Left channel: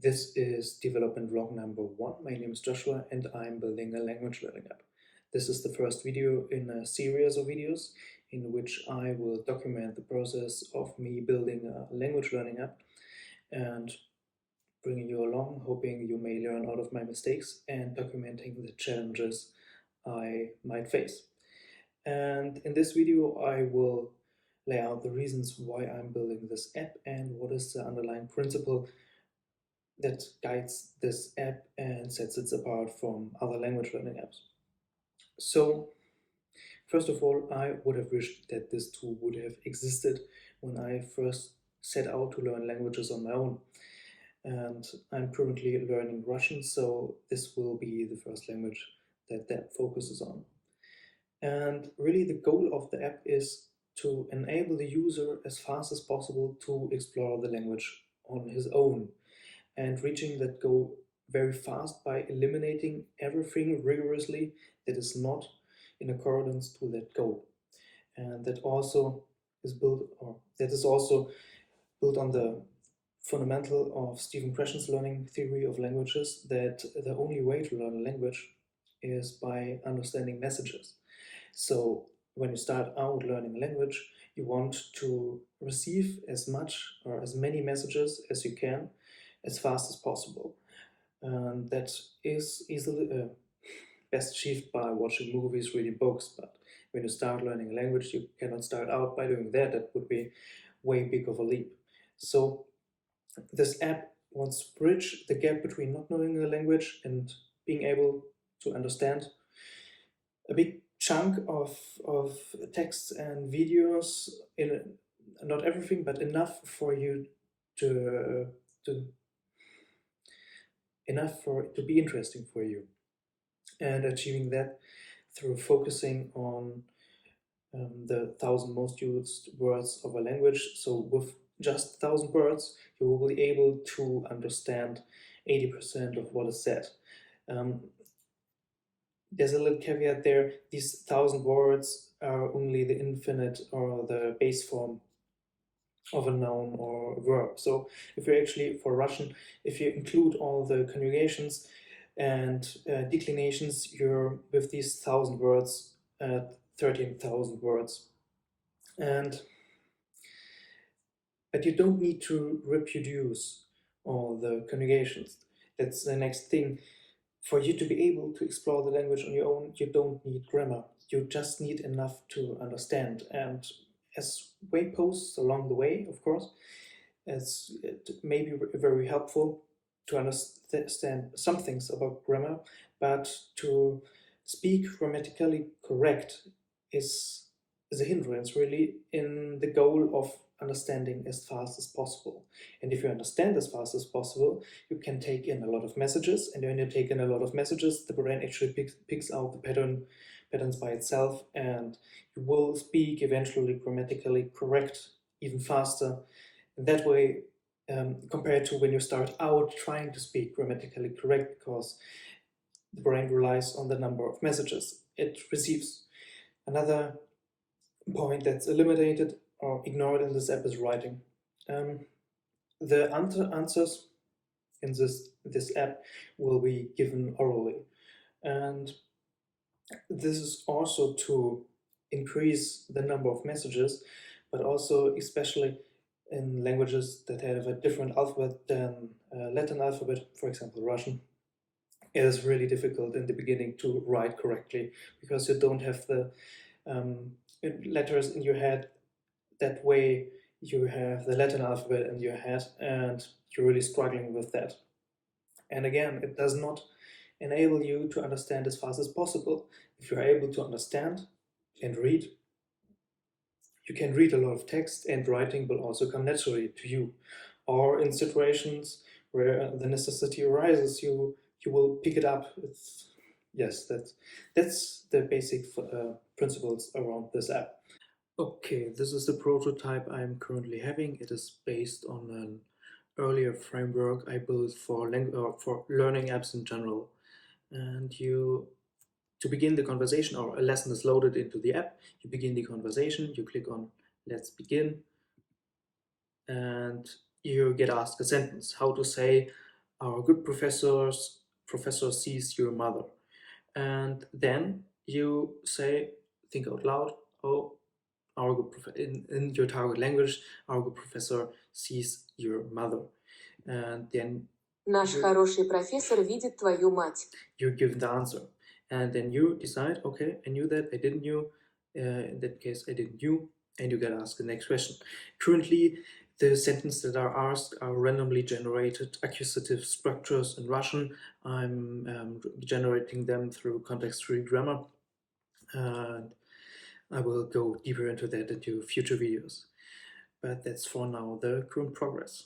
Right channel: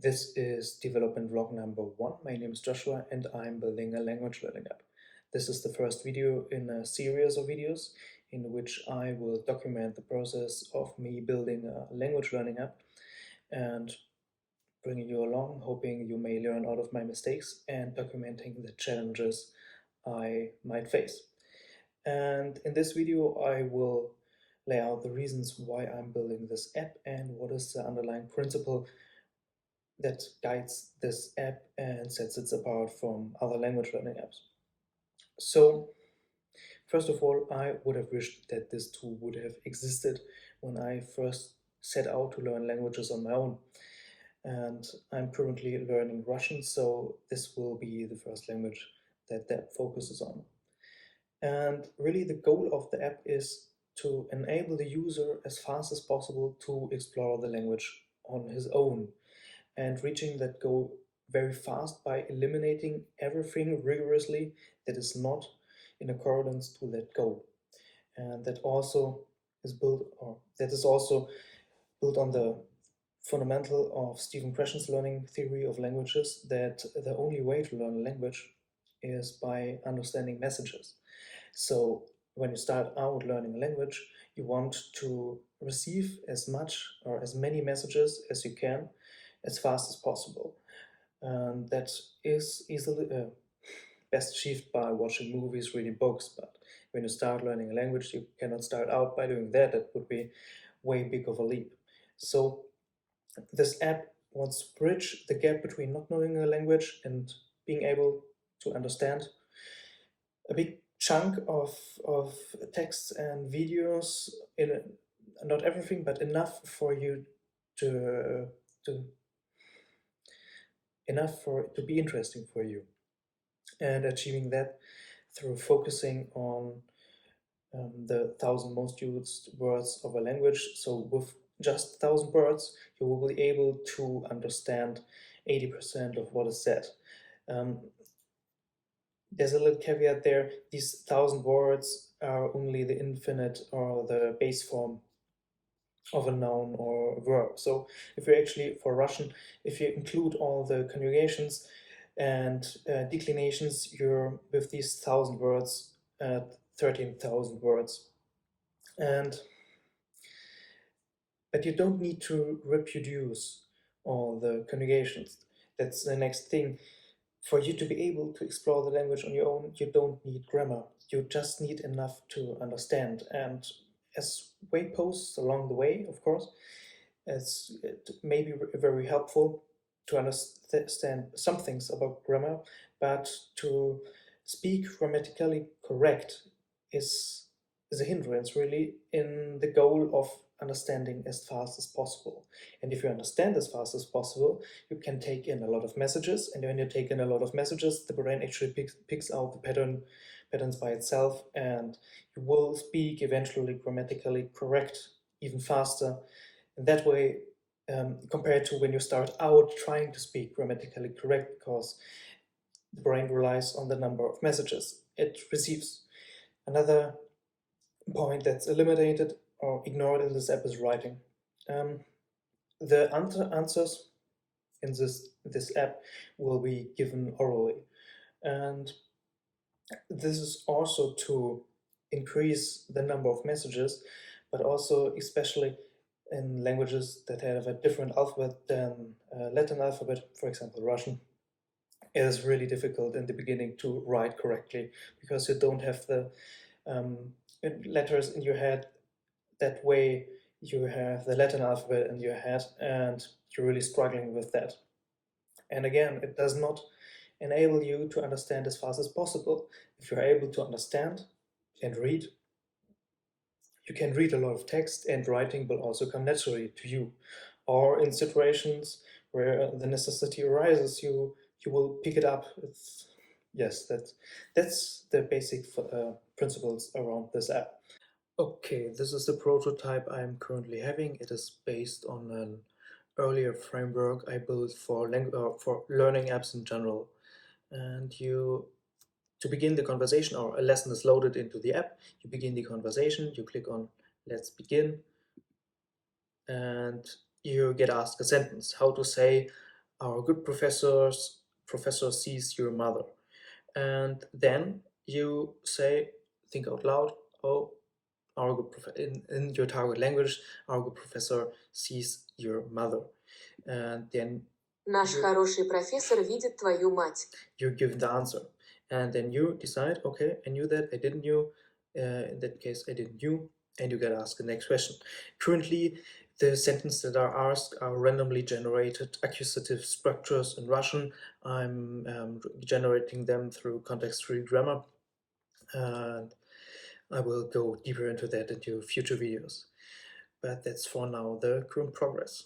This is development vlog number 1. My name is Joshua and I'm building a language learning app. This is the first video in a series of videos in which I will document the process of me building a language learning app and bringing you along, hoping you may learn out of my mistakes and documenting the challenges I might face. And in this video I will lay out the reasons why I'm building this app and what is the underlying principle that guides this app and sets it apart from other language learning apps. So, first of all, I would have wished that this tool would have existed when I first set out to learn languages on my own. And I'm currently learning Russian, so this will be the first language that the app focuses on. And really the goal of the app is to enable the user as fast as possible to explore the language on his own, and reaching that goal very fast by eliminating everything rigorously that is not in accordance to that goal. And that also is built on the fundamental of Stephen Krashen's learning theory of languages, that the only way to learn a language is by understanding messages. So when you start out learning a language, you want to receive as much or as many messages as you can as fast as possible. And that is easily best achieved by watching movies, reading books. But when you start learning a language, you cannot start out by doing that. That would be way big of a leap. So this app wants to bridge the gap between not knowing a language and being able to understand a big chunk of texts and videos, in not everything, but enough for you to enough for it to be interesting for you, and achieving that through focusing on the 1,000 most used words of a language. So with just 1,000 words, you will be able to understand 80% of what is said. There's a little caveat there. These 1,000 words are only the infinite or the base form of a noun or a verb. So if you actually, for Russian, if you include all the conjugations and declinations, you're with these 1,000 words at 13,000 words. But you don't need to reproduce all the conjugations. That's the next thing. For you to be able to explore the language on your own, you don't need grammar. You just need enough to understand. And as weight posts along the way, of course, it may be very helpful to understand some things about grammar, but to speak grammatically correct is a hindrance, really, in the goal of understanding as fast as possible. And if you understand as fast as possible, you can take in a lot of messages, and when you take in a lot of messages, the brain actually picks out the patterns by itself, and you will speak eventually grammatically correct even faster. In that way, compared to when you start out trying to speak grammatically correct, because the brain relies on the number of messages it receives. Another point that's eliminated or ignored in this app is writing. The answers in this app will be given orally, and this is also to increase the number of messages, but also especially in languages that have a different alphabet than Latin alphabet, for example Russian. It is really difficult in the beginning to write correctly because you don't have the letters in your head that way. You have the Latin alphabet in your head and you're really struggling with that. And again, it does not enable you to understand as fast as possible. If you're able to understand and read, you can read a lot of text, and writing will also come naturally to you. Or in situations where the necessity arises, you will pick it up. Yes, that's the basic principles around this app. Okay, this is the prototype I'm currently having. It is based on an earlier framework I built for learning apps in general. And to begin the conversation, or a lesson is loaded into the app, you begin the conversation, you click on Let's Begin, and you get asked a sentence, how to say Our good professor sees your mother. And then you say, think out loud, oh, in your target language, our good professor sees your mother. And then Наш хороший профессор видит твою мать. you give the answer. And then you decide, okay, I knew that, I didn't knew. In that case, I didn't knew. And you get asked the next question. Currently, the sentences that are asked are randomly generated accusative structures in Russian. I'm generating them through context-free grammar. And I will go deeper into that into future videos. But that's for now the current progress.